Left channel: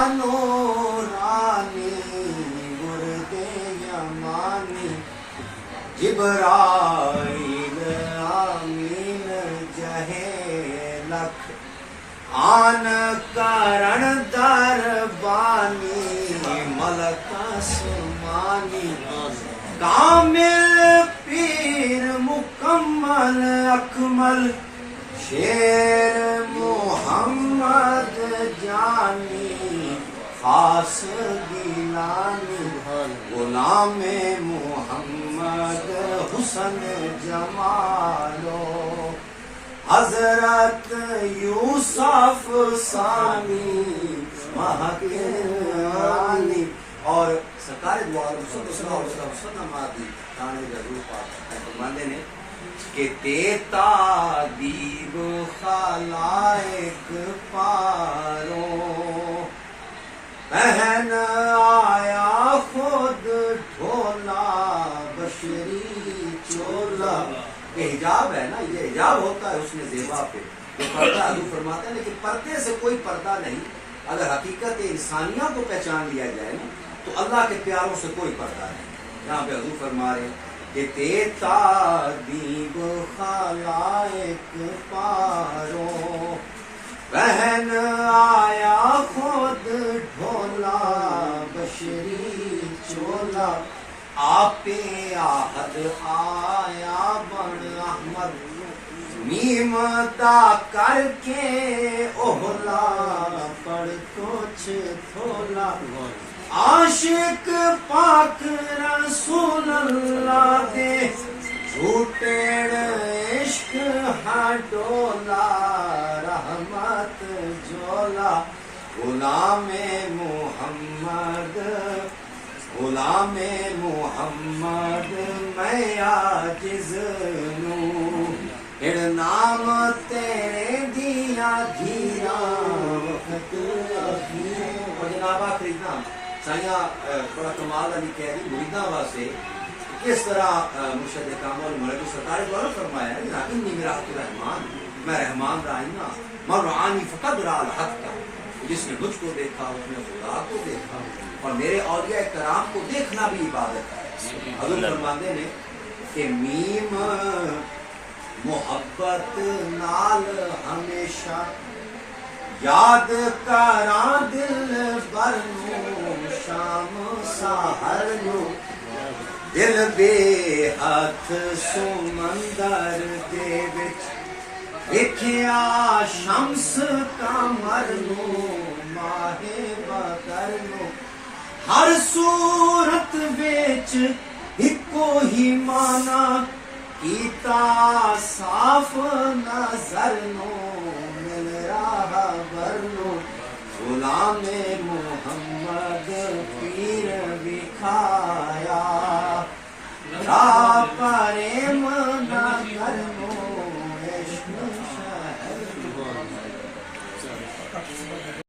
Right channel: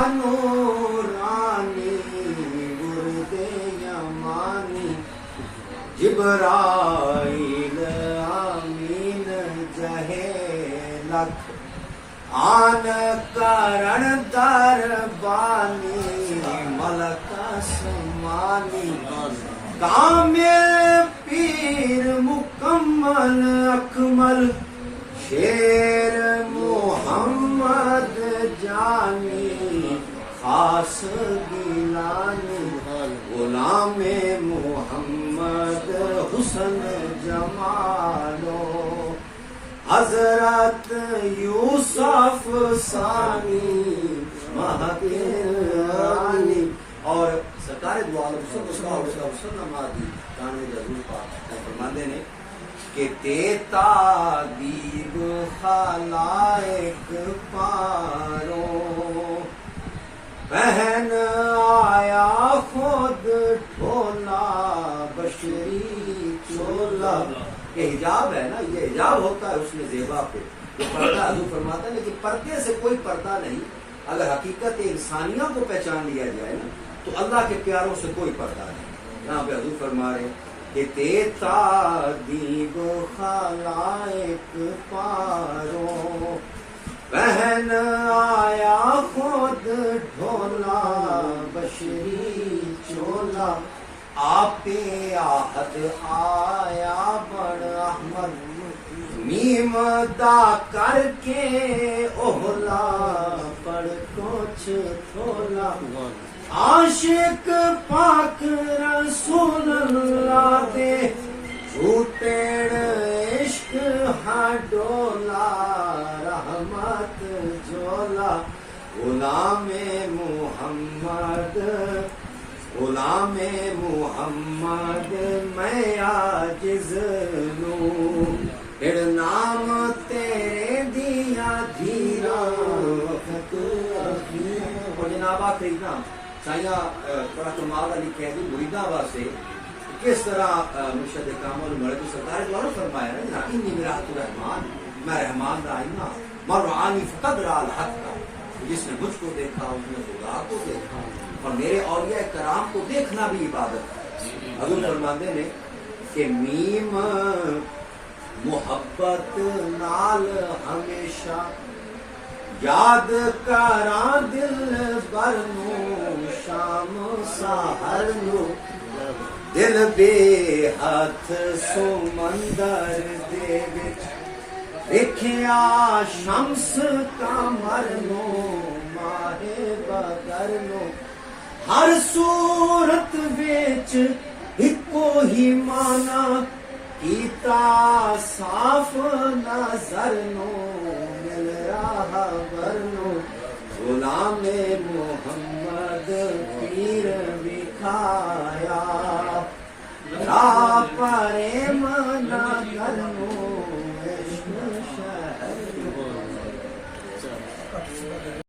نورانی ورد یمانی جبرائیل آمین جہے لکھ آن کرن دربانی ملک آسمانی کامل پیر مکمل اکمل شیر محمد جانی خاص گیلانی غلام محمد حسن جمالو حضرت یوسف ثانی مہکرانی اور سرکار دو عالم صلی اللہ علیہ وسلم آدھی تانے ضرور پاک فرماندے نے کہ تیتا دیب خلائق پارو بہن آیا خود ڈھولا بشری چولا. یہ حجاب ہے نا، یہ حجاب ہوتا ہے اس میں زیبا پہ یہ پردہ حضور فرماتا ہے، لیکن پردے سے کوئی پردہ نہیں. اگر حقیقت انسانیہ کو پہچان لیا جائے نا تو اللہ کے پیاروں سے کوئی پردہ نہیں. یہاں پہ حضور فرما رہے کہ تیتا دیب خلائق پارو بہن آیا خود ڈھولا بشری چولا آپ آہد آیا بن احمد میم دا کر کے اوہلا پڑھ کچھ تھولا عاشق پاک رسول اللہ دے جھوٹیڑ عشق ہڈولا رحمت جولا غلام محمد غلام محمد میں عاجز نو پھر نام تیرے دیا دھیرا وقت اور جناب آخری نام سائیاں بڑا کمال علی کہہ دی مریداں واسطے کس طرح مرشد کامل مرحبی سرکار دوارا فرمایا ہے انی میرات الرحمن میں رحمان دا آئینہ مرعانی فقد را الحق کا جس نے مجھ کو دیکھا اس نے خدا کو دیکھا اور میرے اولیاء کرام کو دیکھنا بھی عبادت ہے. حضور فرماندے نے کہ میم محبت نال ہمیشہ یاد کراں دل برنو شام سحر نو دل بے ہاتھ سمندر دے وچ ویکھیا شمس قمر نو ماہ بدر نو ہر صورت وچ اکو ہی مانا کیتا صاف نظر نو مل رہا بر